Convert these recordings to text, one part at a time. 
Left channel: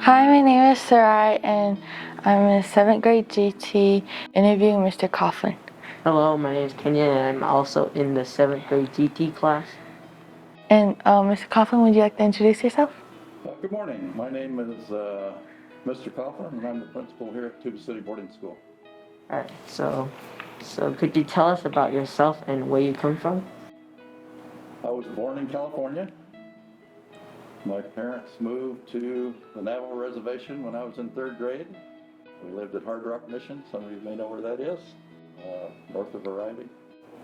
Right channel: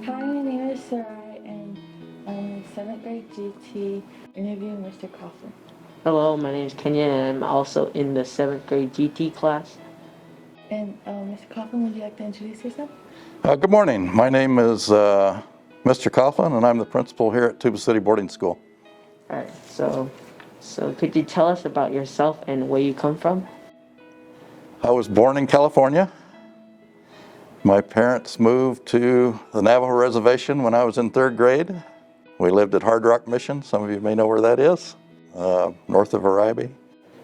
Hi, my name is Sarai, and I'm in 7th grade GT interviewing Mr. Coffland. Hello, my name is Kenya, and I'm also in the 7th grade GT class. And Mr. Coffland, would you like to introduce yourself? Good morning. My name is Mr. Coffland, and I'm the principal here at Tuba City Boarding School. All right, so could you tell us about yourself and where you come from? I was born in California. My parents moved to the Navajo Reservation when I was in 3rd grade. We lived at Hard Rock Mission. Some of you may know where that is, north of Arribe.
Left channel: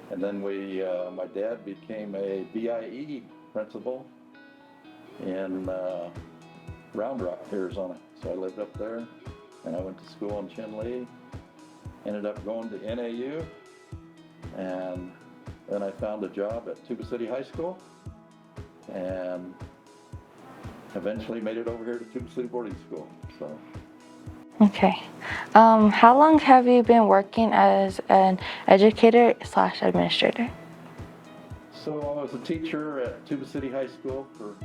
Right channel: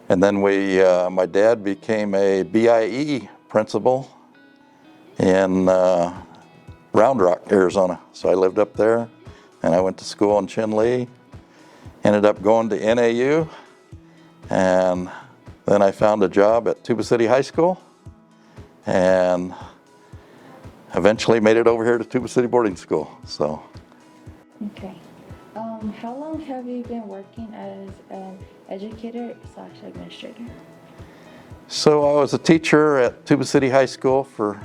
And then my dad became a BIE principal in Round Rock, Arizona. So I lived up there, and I went to school in Chinle. Ended up going to NAU, and then I found a job at Tuba City High School, and eventually made it over here to Tuba City Boarding School. So. Okay. How long have you been working as an educator/administrator? So I was a teacher at Tuba City High School for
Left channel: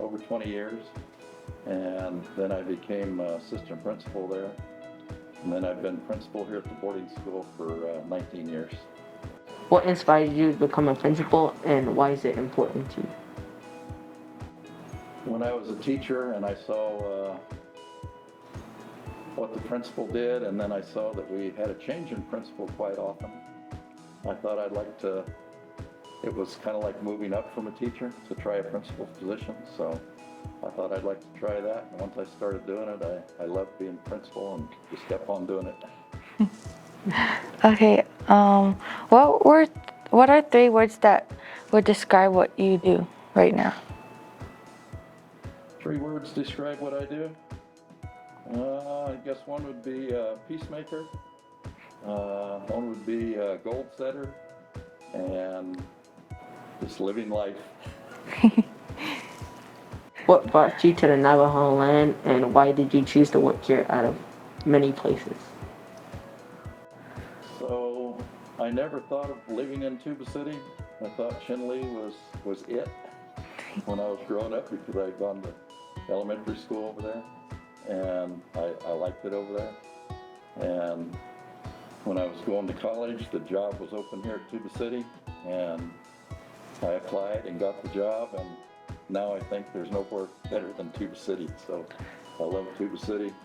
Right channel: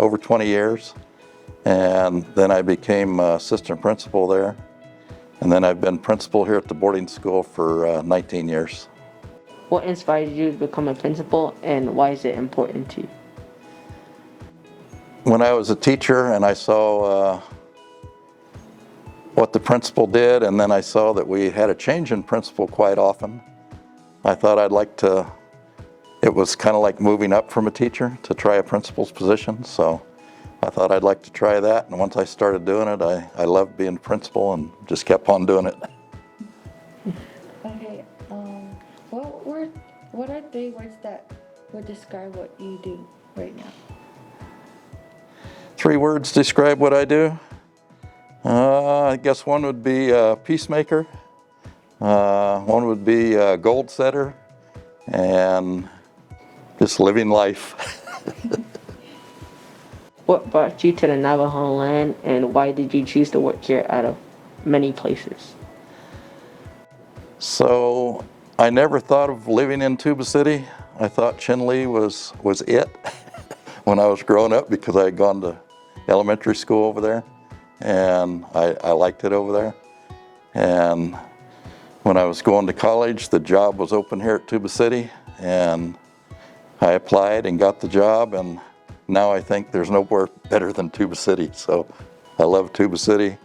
over 20 years, and then I became assistant principal there. And then I've been principal here at the boarding school for 19 years. What inspired you to become a principal, and why is it important to you? When I was a teacher and I saw what the principal did, and then I saw that we had a change in principal quite often, I thought I'd like to, it was kind of like moving up from a teacher to try a principal's position. So I thought I'd like to try that, and once I started doing it, I loved being principal and just kept on doing it. Okay. What are 3 words that would describe what you do right now? 3 words describe what I do. I guess one would be peacemaker, one would be goal setter, and just living life. What brought you to the Navajo land, and why did you choose to work here out of many places? So I never thought of living in Tuba City. I thought Chinle was it when I was growing up, because I had gone to elementary school over there, and I liked it over there. And when I was going to college, the job was open here at Tuba City, and I applied and got the job, and now I think there's nowhere better than Tuba City. So I love Tuba City,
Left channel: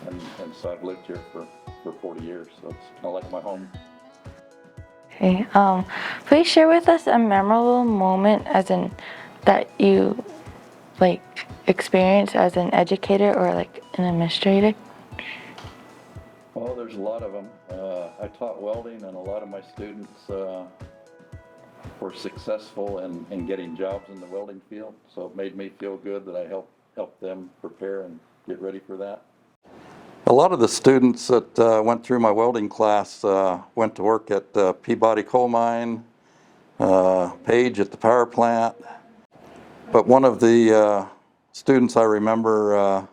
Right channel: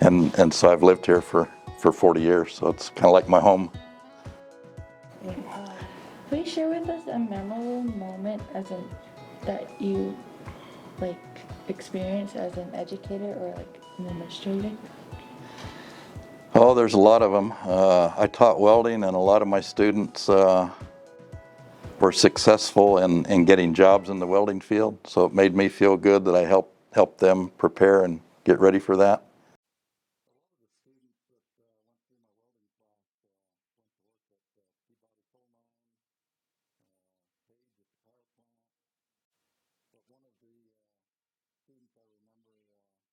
and so I've lived here for 40 years, so it's kind of like my home. Okay. Please share with us a memorable moment that you experienced as an educator or an administrator. Oh, there's a lot of them. I taught welding, and a lot of my students were successful in getting jobs in the welding field, so it made me feel good that I helped them prepare and get ready for that. A lot of the students that went through my welding class went to work at Peabody Coal Mine, Page at the power plant. But one of the students I remember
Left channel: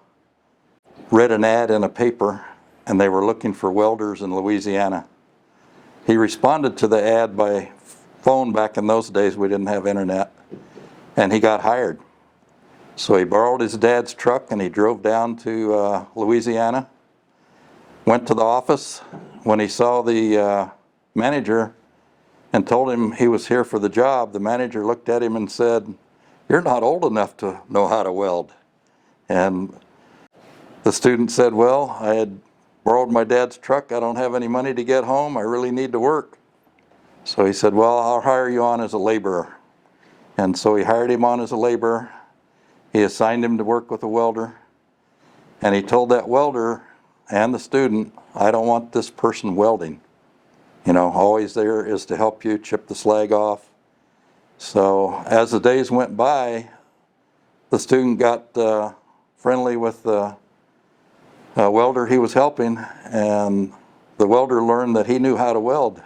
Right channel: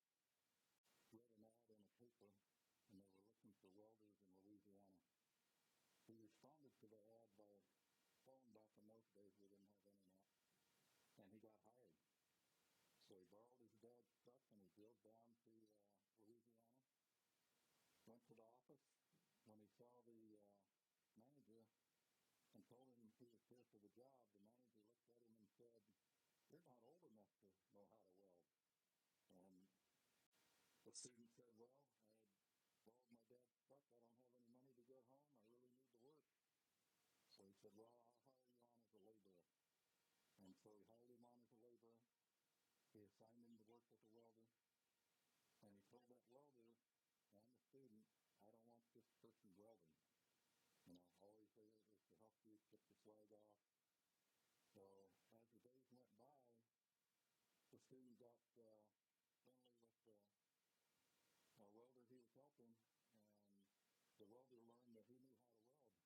read an ad in a paper, and they were looking for welders in Louisiana. He responded to the ad by phone. Back in those days, we didn't have internet, and he got hired. So he borrowed his dad's truck, and he drove down to Louisiana, went to the office. When he saw the manager and told him he was here for the job, the manager looked at him and said, "You're not old enough to know how to weld." And the student said, "Well, I had borrowed my dad's truck. I don't have any money to get home. I really need to work." So he said, "Well, I'll hire you on as a laborer." And so he hired him on as a laborer. He assigned him to work with a welder. And he told that welder and the student, "I don't want this person welding. You know, always there is to help you chip the slag off." So as the days went by, the student got friendly with the welder he was helping, and the welder learned that he knew how to weld.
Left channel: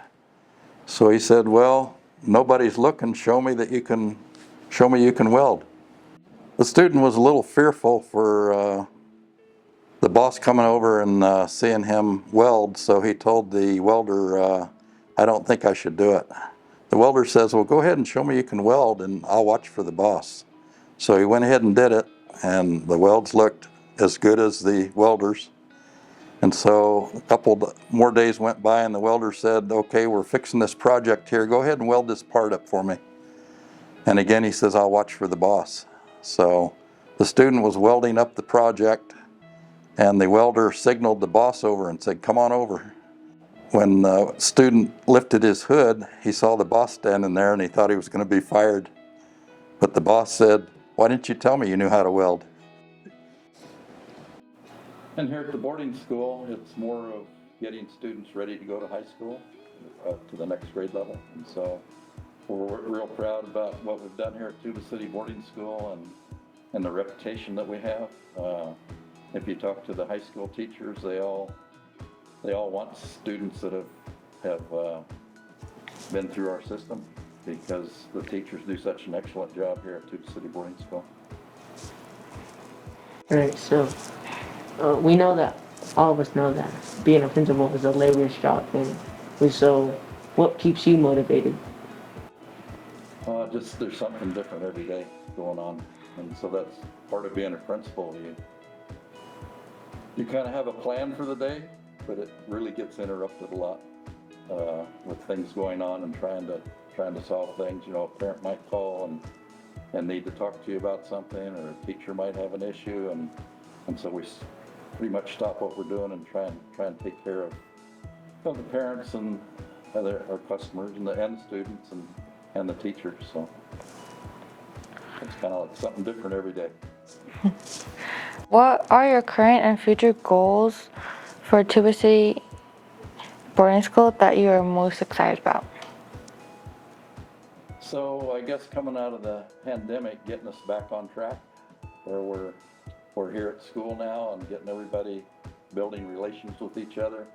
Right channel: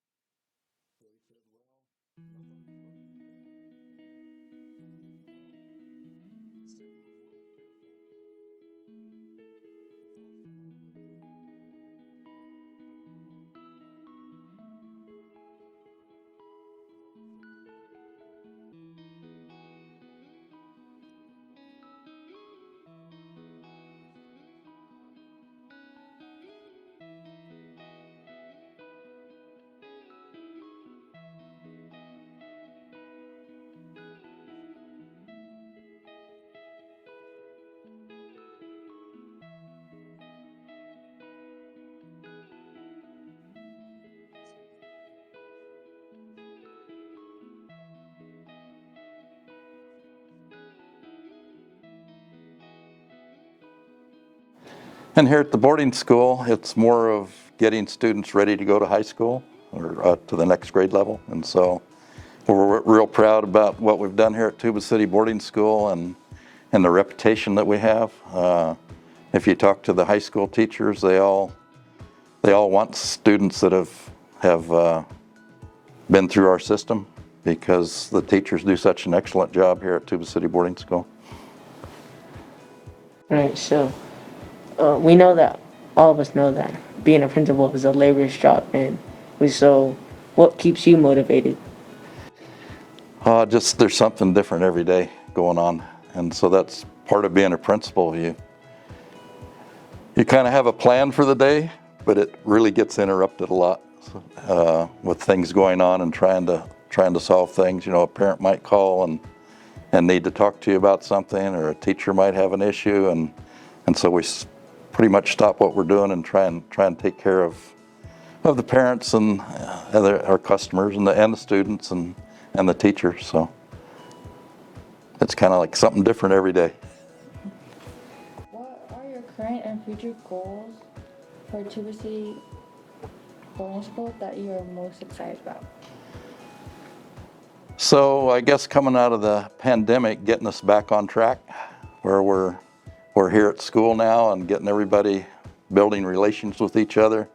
So he said, "Well, nobody's looking. Show me you can weld." The student was a little fearful for the boss coming over and seeing him weld, so he told the welder, "I don't think I should do it." The welder says, "Well, go ahead and show me you can weld, and I'll watch for the boss." So he went ahead and did it. and the welds looked as good as the welders. And so a couple more days went by and the welder said, okay, we're fixing this project here. Go ahead and weld this part up for me. And again, he says, I'll watch for the boss. So the student was welding up the project and the welder signaled the boss over and said, come on over. When the student lifted his hood, he saw the boss standing there and he thought he was going to be fired. But the boss said, why didn't you tell me you knew how to weld? And here at the boarding school, it's more of getting students ready to go to high school or to the next grade level. And so we're real proud about what we've done here at Tuba City Boarding School and the reputation that we have. If you talk to the high school teachers, they all want students that have been through our system because the teachers do such an excellent job here at Tuba City Boarding School. Right, so we know that, all of us know that being a principal is a laborious job, and so what keeps you motivated? Just there's something different every day going on, and so that's part of being a principal. You kind of have a plan for the day, but it really gets interrupted a lot with things going on and trying to solve things. You know, a parent might call and need to talk to you about something, or a teacher might have an issue, and so we pretty much stop what we're doing and try and take care of the parents and our customers and the students and the teachers. So it's kind of like something different every day. What are your current and future goals for Tuba City Boarding School that you are most excited about? So I guess coming out of the pandemic, getting us back on track, where we're here at school now and getting everybody building relations with each other.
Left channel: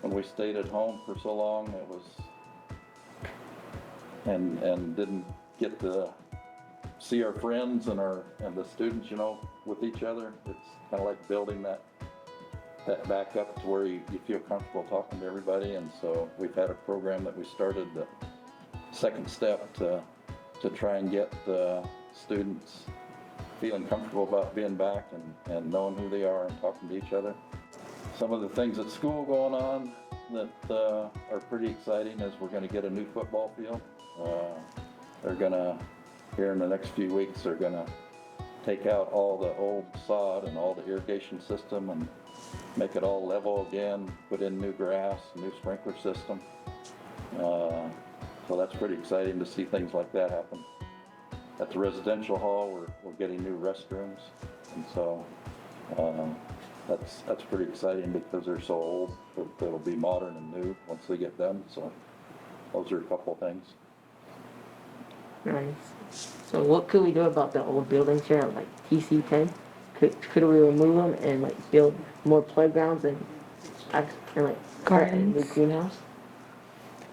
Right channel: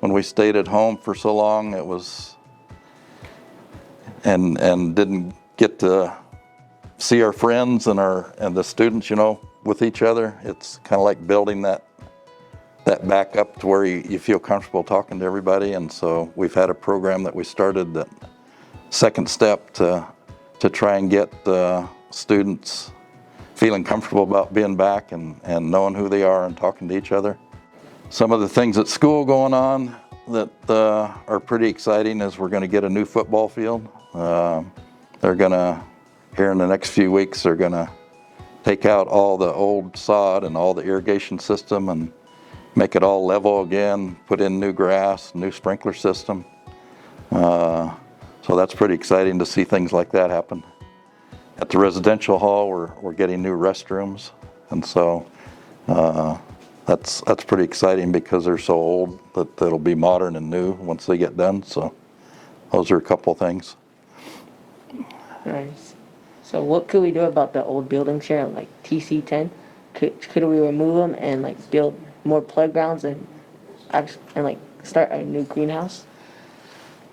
When we stayed at home for so long, it was and didn't get to see our friends and the students, you know, with each other. It's kind of like building that back up to where you feel comfortable talking to everybody. And so we've had a program that we started, that second step to try and get students feeling comfortable about being back and knowing who they are and talking to each other. Some of the things at school going on that are pretty exciting is we're going to get a new football field. They're going to, here in the next few weeks, they're going to take out all the old sod and all the irrigation system and make it all level again, put in new grass, new sprinkler system. So that's pretty exciting to see things like that happen. At the residential hall, we're getting new restrooms, and so that's pretty exciting because they're so old that it'll be modern and new once they get done. So those are a couple things. Nice. So what could we do about the old buildings here, like TC10? Could we remove them and like build more playgrounds and like start a new greenhouse?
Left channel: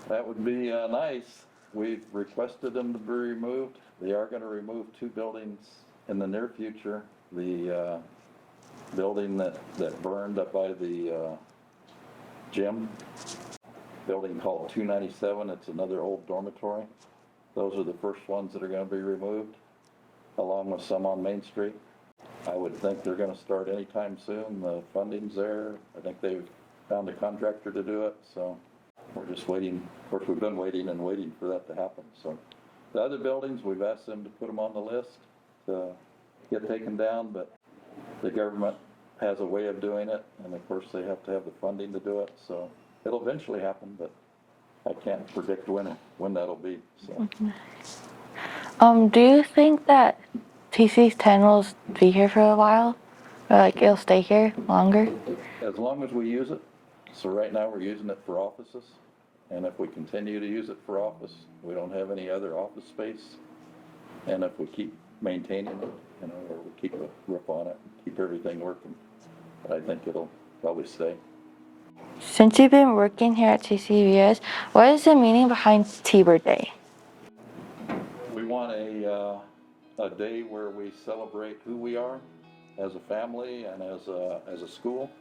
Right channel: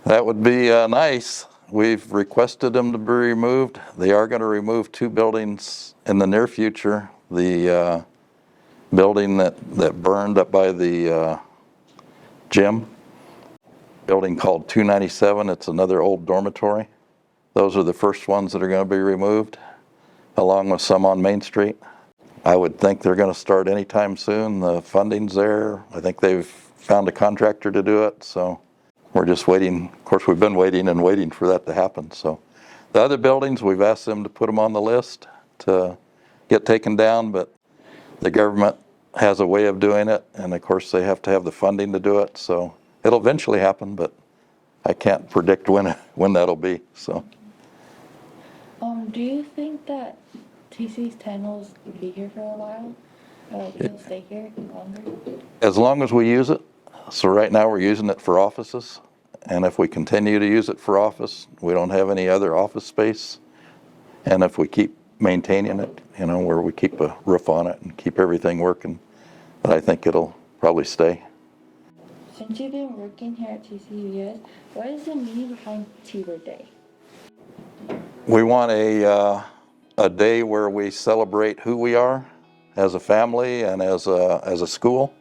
That would be nice. We've requested them to be removed. They are going to remove two buildings in the near future. The building that burned up by the gym, building called 297. It's another old dormitory. Those are the first ones that are going to be removed, along with some on Main Street. I would think they're going to start anytime soon. The funding's there. I think they've found a contractor to do it, so we're just waiting. Of course, we've been waiting and waiting for that to happen. So the other buildings, we've asked them to put them on the list to get taken down, but the government has a way of doing it, and of course they have to have the funding to do it. So it'll eventually happen, but I can't predict when that'll be. So. Do you think that TC10 will be here for a while? Or like it'll stay here longer? As long as we use it. So right now we're using it for offices, and if we continue to use it for office, we don't have any other office space. And if we keep maintaining it, you know, where we keep a roof on it and keep everything working, but I think it'll probably stay. Since you've been working here at TCBS, what is the meaning behind T-Bird Day? We want a day where we celebrate who we are as a family and as a school.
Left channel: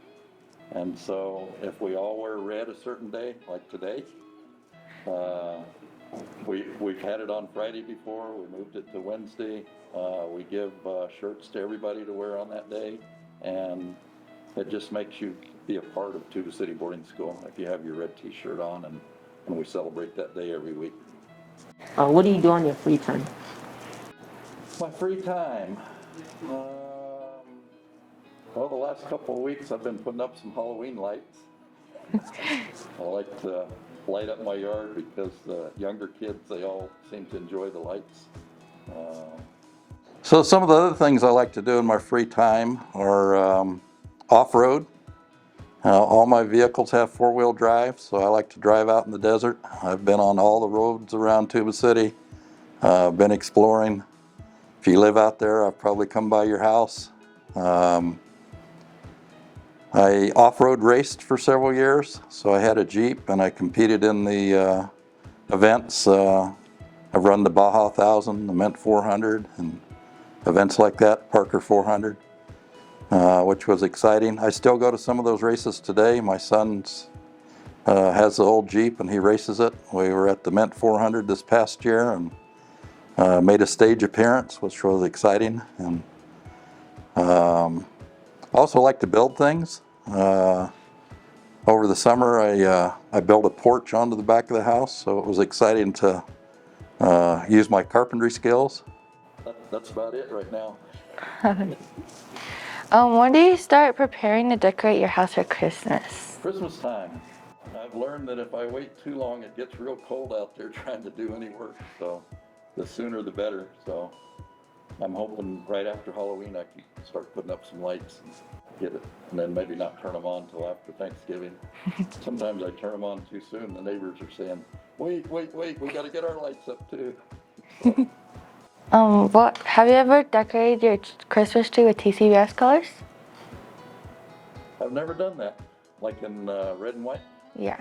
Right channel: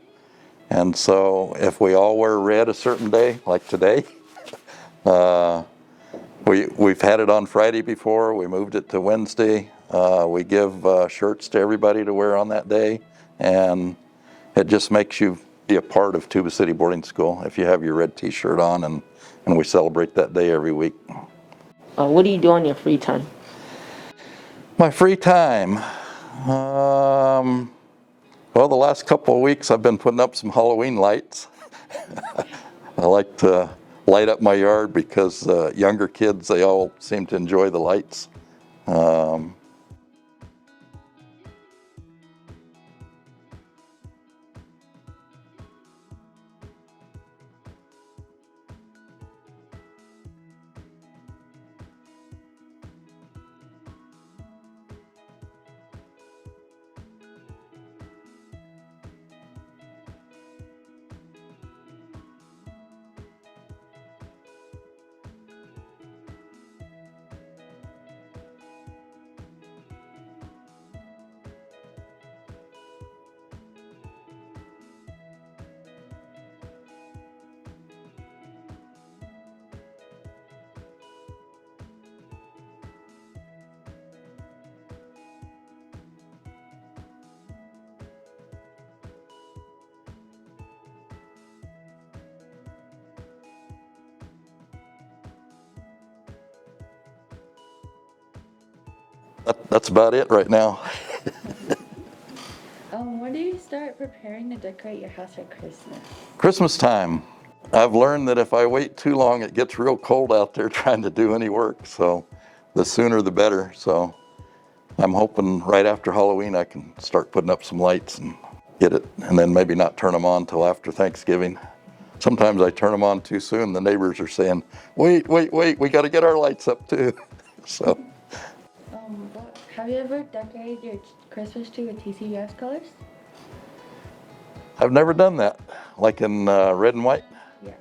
And so if we all wear red a certain day, like today, we've had it on Friday before, we moved it to Wednesday. We give shirts to everybody to wear on that day, and it just makes you be a part of Tuba City Boarding School if you have your red T-shirt on, and we celebrate that day every week. What do you do on your free time? My free time, well, the last couple of weeks I've been putting up some Halloween lights. I like to light up my yard because younger kids, they all seem to enjoy the lights. So some of the other things I like to do in my free time are off-road. All my vehicles have four-wheel drive, so I like to drive out in the desert. I've been on all the roads around Tuba City, been exploring. If you live out there, I've probably come by your house. I off-road raced for several years, so I had a Jeep and I competed in the events. I've run the Baja 1000, the Mint 400, and events like that, Parker 400, which was exciting. I still go to some of those races today. My son has the old Jeep and he races it. We were at the Mint 400 this past year and made a stage appearance, which was exciting. And also like to build things. Over the summer, I built a porch onto the back of the house, so it was exciting to use my carpentry skills. That's about it right now. When do you start preparing to decorate your house for Christmas? Christmas time. I've learned that if I wait too long, it gets real cold out there trying to do any work, so the sooner the better. So I'm hoping right after Halloween I can start putting up some lights and get it, and then maybe not turn them on till after Thanksgiving. Sometimes I turn them on too soon. The neighbors are saying, wait, we got to get our lights up too. So. Have you ever decorated your Christmas tree with TCBS colors? I've never done that, like in red and white. Yeah.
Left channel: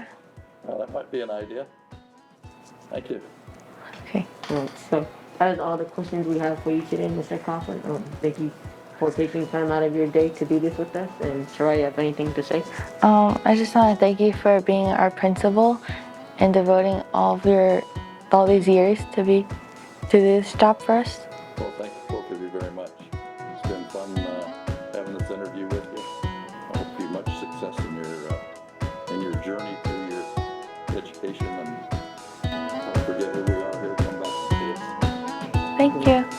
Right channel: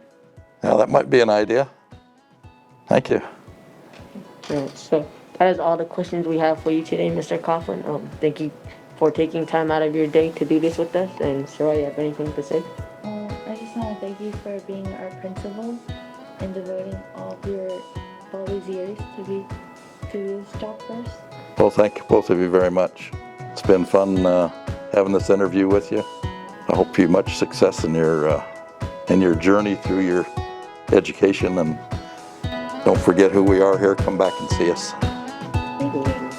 Now that might be an idea. Thank you. Okay. All right, so that is all the questions we have for you today, Mr. Coffland. Thank you for taking time out of your day to do this with us. And Soraya, you have anything to say? I just want to thank you for being our principal and devoting all these years to do this job for us. Well, thank you both of you very much. It's been fun having this interview with you. I hope you much success in your journey through your education, and don't forget who we are here. Come back and see us. Thank you.